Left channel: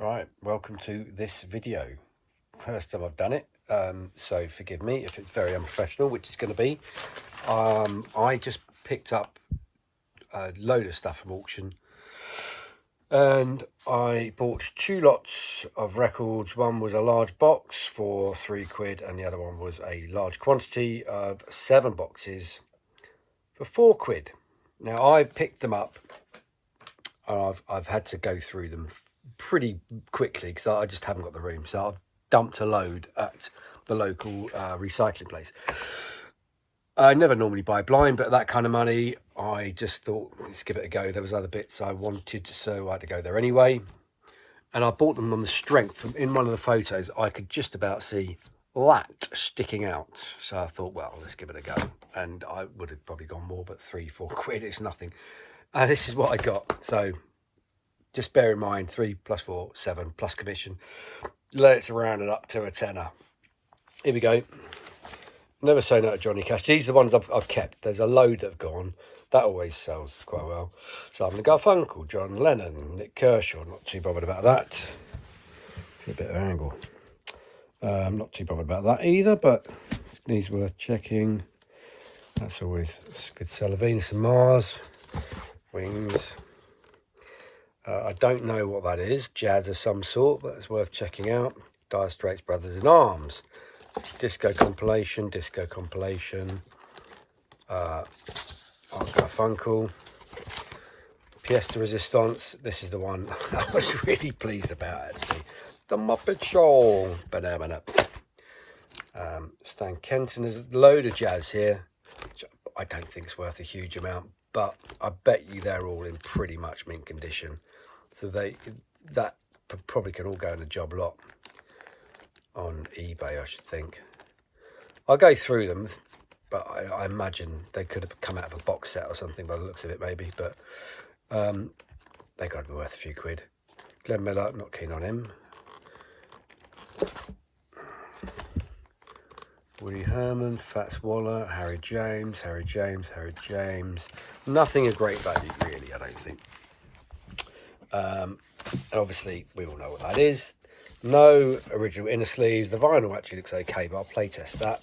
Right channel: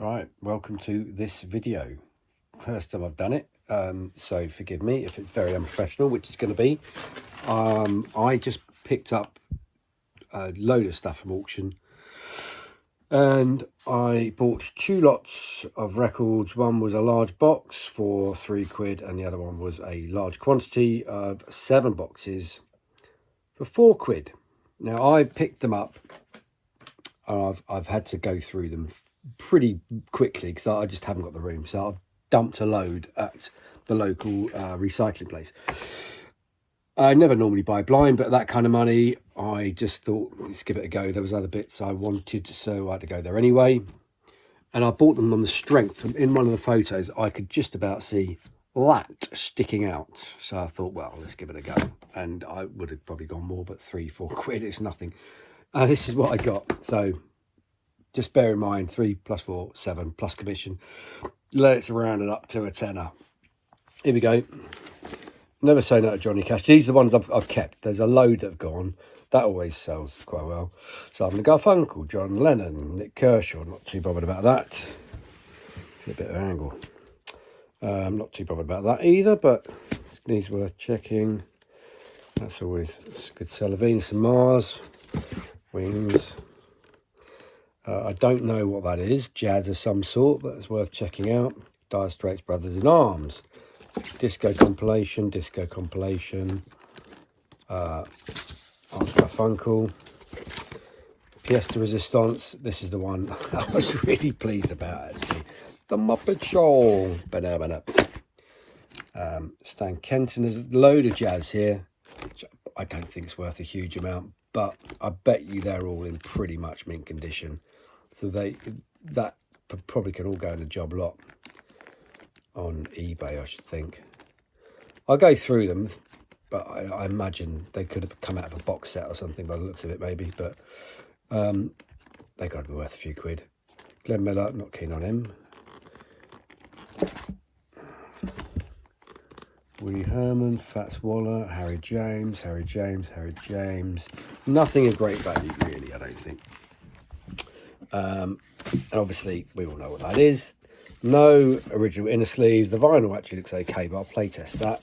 Right, welcome to this video. First time I've done it, so forgive me if it's very unprofessional, which it's going to be. I just picked up a load of stuff from auction and I bought two lots of records. One was a large box for £3 and the other one was a large quantity of 7 boxes for £4. Now I picked them up and I've had to go through them pretty quickly because I just haven't got the room, so I've dumped a load at the local recycling place. I never normally buy blind, but that kind of money, I just thought, let's give it a go. There was other bits I wanted, so I had to go there anyway. And I bought them on the strength. In one of the photos, I could just about see that sticking out. So I thought, well, let's give it a go. And I would have probably gone more, but £3-4, it's nothing. This is what I got. So just bear in mind, 3 + 4, 7 plus commission. Let's round it up to a tenner. Here we go. Never say no to Johnny Cash. These are the ones I've kept. There's a load that have gone. That always sells quite well. Simon & Garfunkel, John Lennon, Nick Kershaw. Not too bothered about that. It's a bit of an angle. Not too bothered about that either, but these worth checking. That's always a good seller. Venus and Mars, Wings. I don't know what that is. Jazz of some sort. That's worth checking out. Dire Straits Brothers in Arms. Disco compilation. Funkel. Pièce de Resistance. This is the one I was really pleased about, actually. The Muppet Show. Banana. Stan Kenton. There's a load of jazz here, which I don't think it's worth a huge amount, but I bet you they're all in pretty much mint condition. So that probably can all go in a job lot on eBay, I should think. I'll go through them, but I imagine they could have come out of a box set or something by the looks of it, maybe. But they got to be worth a few quid. Glenn Miller, not keen on him. Woody Herman, Fats Waller, Harry James. Nothing of great value, really, I don't think. And obviously, we all know what that is. No original inner sleeves. The vinyl actually looks okay, but I'll play test that.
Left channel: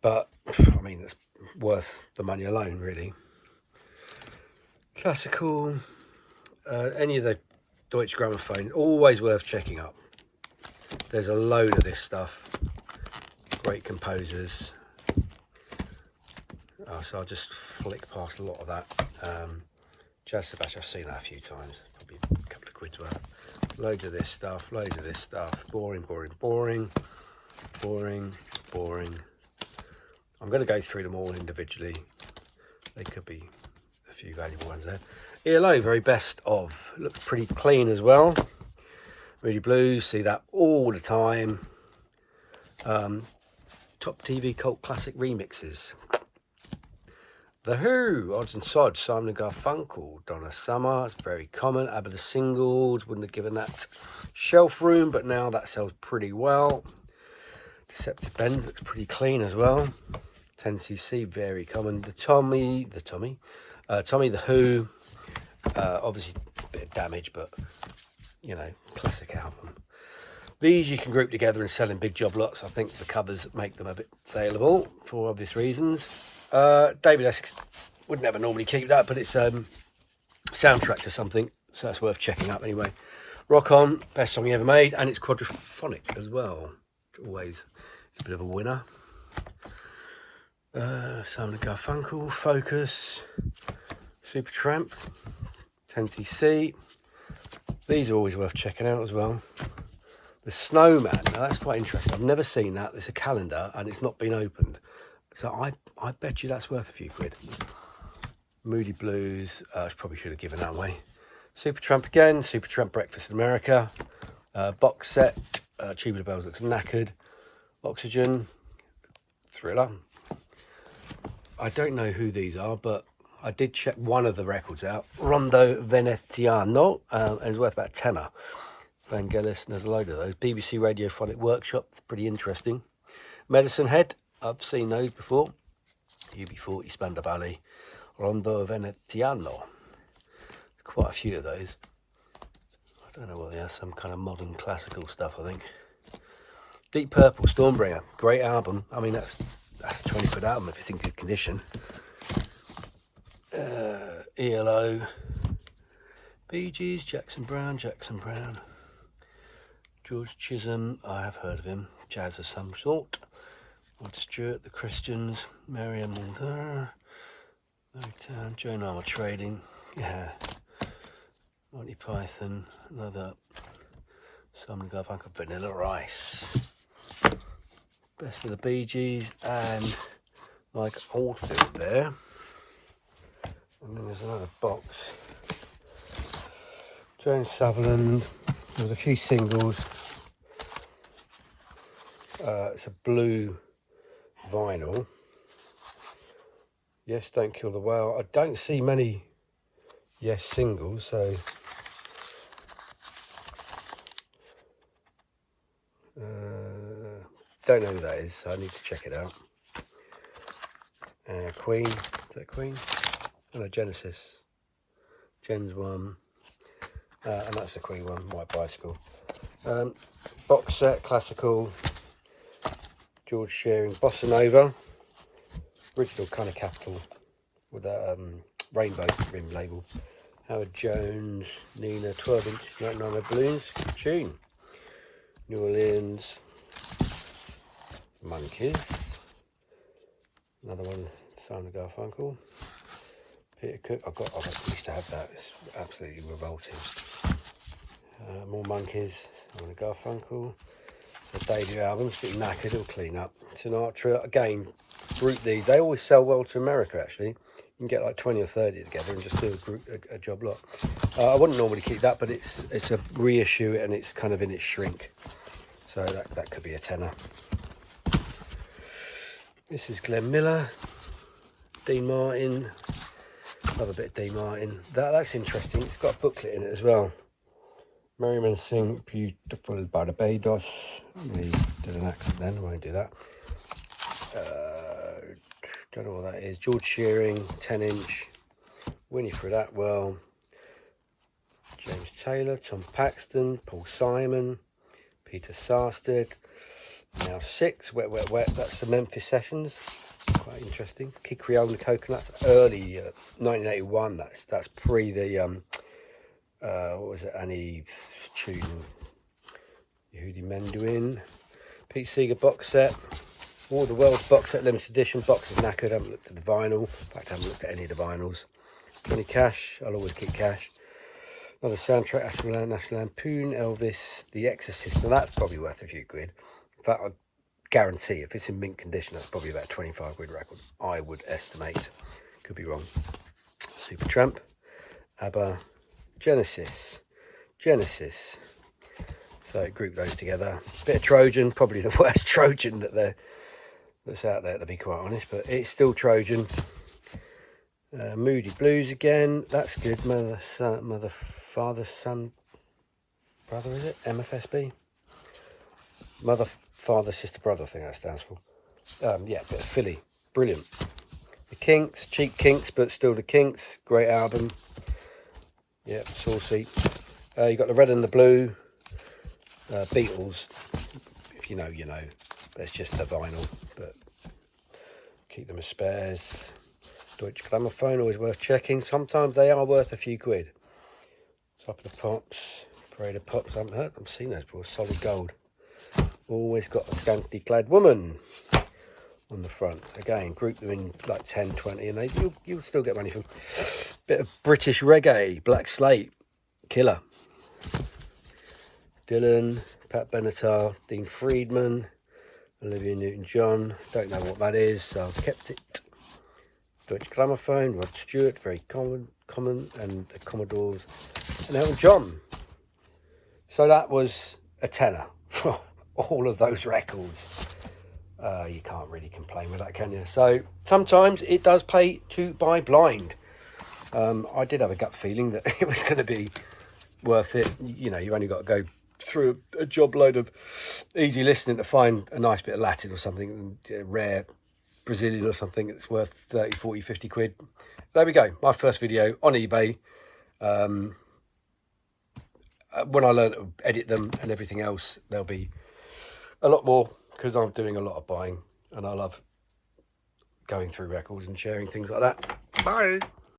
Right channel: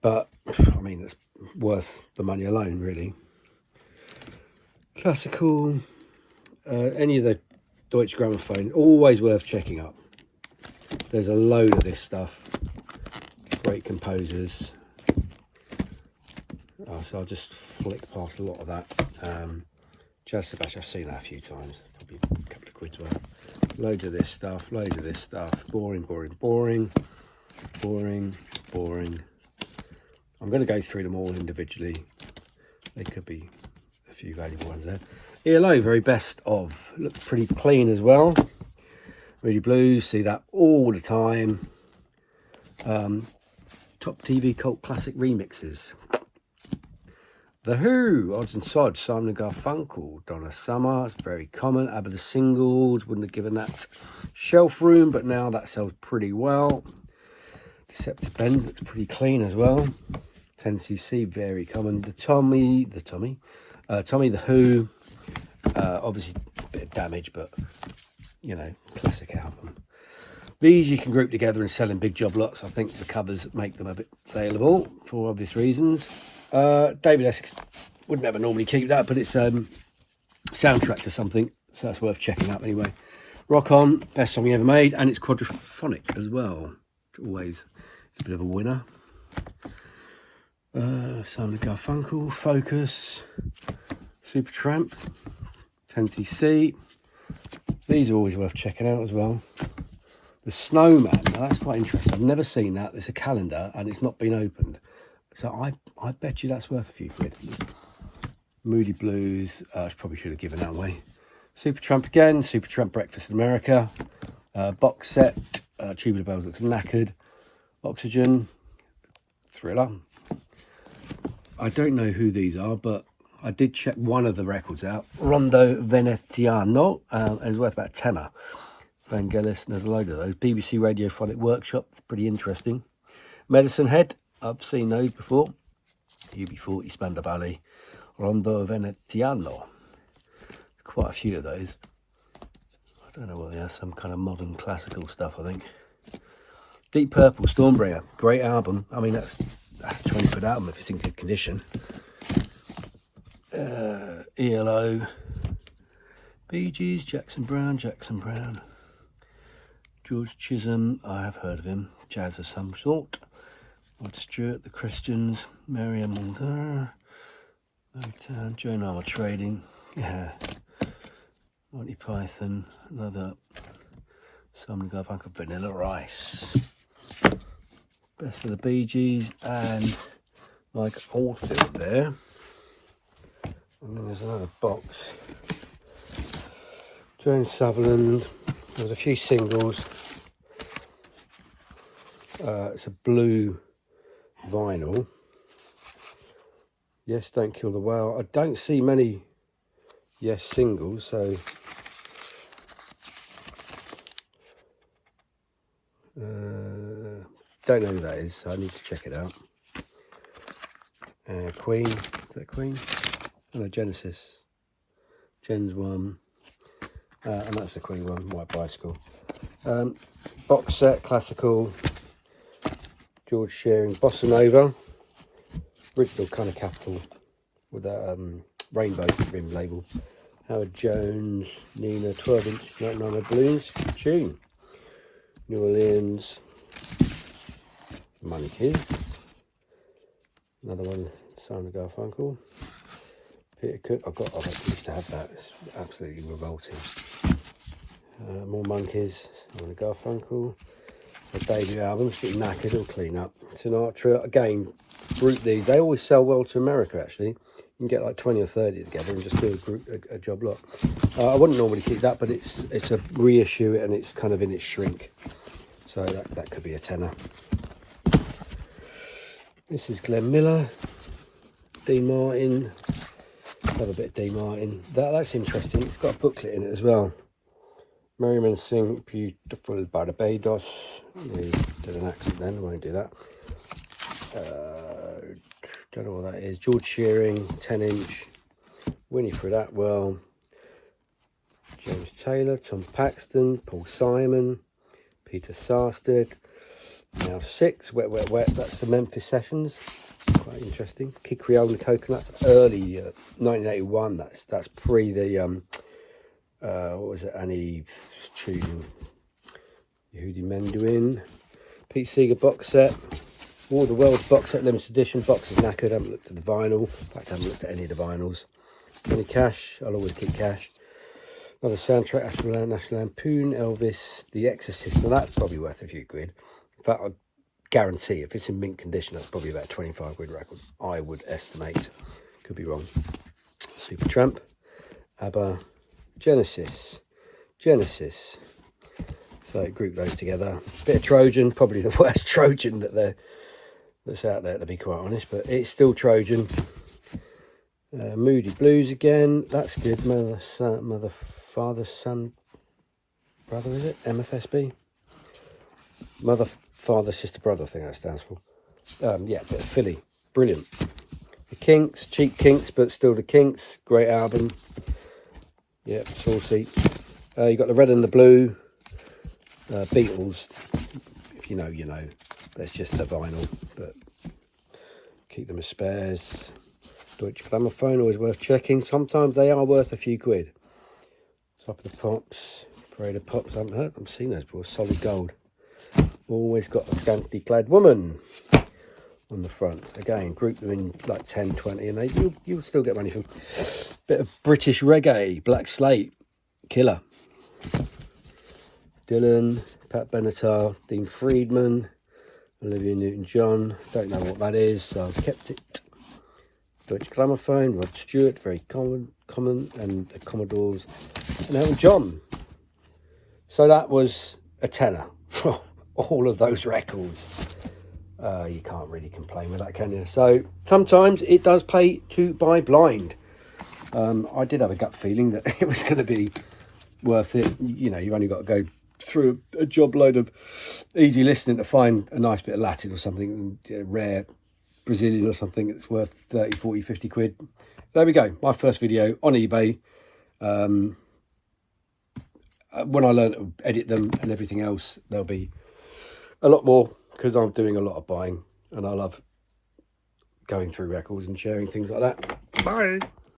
But, I mean, it's worth the money alone, really. Classical. Any of the Deutsche Grammophon, always worth checking up. There's a load of this stuff. Great composers. So I'll just flick past a lot of that. Jazz Sebastian, I've seen that a few times. Probably a couple of quid's worth. Loads of this stuff. Boring. I'm going to go through them all individually. There could be a few valuable ones there. ELO, very best of. Looks pretty clean as well. Really Blues, see that all the time. Top TV cult classic remixes. The Who, Odds and Sods, Simon & Garfunkel, Donna Summer, it's very common. ABBA the Singles, wouldn't have given that shelf room, but now that sells pretty well. Deceptive Bend looks pretty clean as well. 10cc, very common. Tommy the Who, obviously a bit of damage, but you know, classic album. These you can group together and sell in big job lots. I think the covers make them a bit saleable for obvious reasons. David Essex would never normally keep that, but it's soundtrack to something, so that's worth checking out anyway. Rock On, best song he ever made, and it's quadraphonic as well. Always a bit of a winner. Simon & Garfunkel, Focus, Supertramp, 10cc. These are always worth checking out as well. The Snowman, now that's quite interesting. I've never seen that. There's a calendar and it's not been opened. So I bet you that's worth a few quid. Moody Blues, I probably should have given that away. Supertramp again, Supertramp Breakfast in America. Box set, Tubular Bells looks knackered. Oxygen, Thriller. I don't know who these are, but I did check one of the records out. Rondo Veneziano, and it's worth about a tenner. Vangelis, and there's a load of those. BBC Radiophonic Workshop, pretty interesting. Medicine Head, I've seen those before. UB40, Spandau Ballet, Rondo Veneziano. Quite a few of those. I Don't know what they are, some kind of modern classical stuff, I think. Deep Purple, Stormbringer, great album. I mean, that's a 20 quid album if it's in good condition. ELO, Bee Gees, Jackson Browne, George Chisholm, I have heard of him, jazz of some sort. Rod Stewart, The Christians, Marianne, Joan Armour Trading, yeah, Monty Python, another Simon & Garfunkel, Vanilla Ice, Best of the Bee Gees, and like Oldfield there. And then there's another box. James Sutherland, there's a few singles. It's a blue vinyl. Yes, Don't Kill the Whale. I don't see many Yes singles, so don't know who that is, so I need to check it out. Queen, is that Queen? No, Genesis. Gen's one. And that's the Queen one, White Bicycle. Box set, classical. George Shearing, Bossa Nova. Original kind of Capital with that rainbow rim label. Howard Jones, Nina, 12-inch, 99 Blues, tune. New Orleans, Monkeys. Another one, Simon & Garfunkel. Peter Cook, I used to have that, it's absolutely revolting. More Monkeys, Simon & Garfunkel. A debut album, pretty knackered, all clean up. Sinatra, again, group these, they always sell well to America actually. You can get like 20 or 30 together and just do a job lot. I wouldn't normally keep that, but it's a reissue and it's kind of in its shrink. So that could be a tenner. This is Glenn Miller, Dean Martin, another bit of Dean Martin. That's interesting, it's got a booklet in it as well. Merriman Singh, Beautiful Barbados. We did an accent then, won't do that. Don't know what that is. George Shearing, 10-inch. Winifred Atwell. James Taylor, Tom Paxton, Paul Simon, Peter Sarsted. Now 6, Wet Wet Wet. That's the Memphis Sessions. Quite interesting. Kid Creole and Coconuts, early 1981. That's pre the what was it? Annie tune. Yehudi Mendoin. Pete Seeger box set. All the World's box set, limited edition. Box is knackered. I haven't looked at the vinyl. In fact, I haven't looked at any of the vinyls. Any Cash. I'll always keep Cash. Another soundtrack. National Lampoon. Elvis. The Exorcist. Well, that's probably worth a few quid. In fact, I guarantee if it's in mint condition, that's probably about 25 quid record. I would estimate. Could be wrong. Supertramp. ABBA. Genesis. So group those together. Bit of Trojan, probably the worst Trojan that's out there, to be quite honest, but it's still Trojan. Moody Blues again, that's good. Mother, Father, Son, Brother, is it? MFSB? Mother, Father, Sister, Brother, I think that stands for. Yeah, but Philly, brilliant. The Kinks, cheap Kinks, but still the Kinks, great album. Yeah, saucy. You got the Red and the Blue. Beatles, if you know, you know. That's just the vinyl, but keep them as spares. Deutsche Grammophon, always worth checking. Sometimes they are worth a few quid. Top of the Pops, Parade of Pops, I haven't heard them, seen those before. Solid Gold. Always got a scantily clad woman on the front. Again, group them in like 10, 20, and you'll still get money from. Bit of British reggae, Black Slate, killer. Dylan, Pat Benatar, Dean Friedman, Olivia Newton-John. Don't know what that is, so I've kept it. Deutsche Grammophon, Rod Stewart, very common, and the Commodores, and Elton John. So that was a tenner for all of those records. You can't really complain with that, can you? So sometimes it does pay to buy blind. I did have a gut feeling that it was going to be worth it. You know, you only got to go through a job load of easy listening to find a nice bit of Latin or something, rare Brazilian or something that's worth 30, 40, 50 quid. There we go, my first video on eBay. when I learn to edit them and everything else, there'll be a lot more, because I'm doing a lot of buying and I love going through records and sharing things like that. Bye.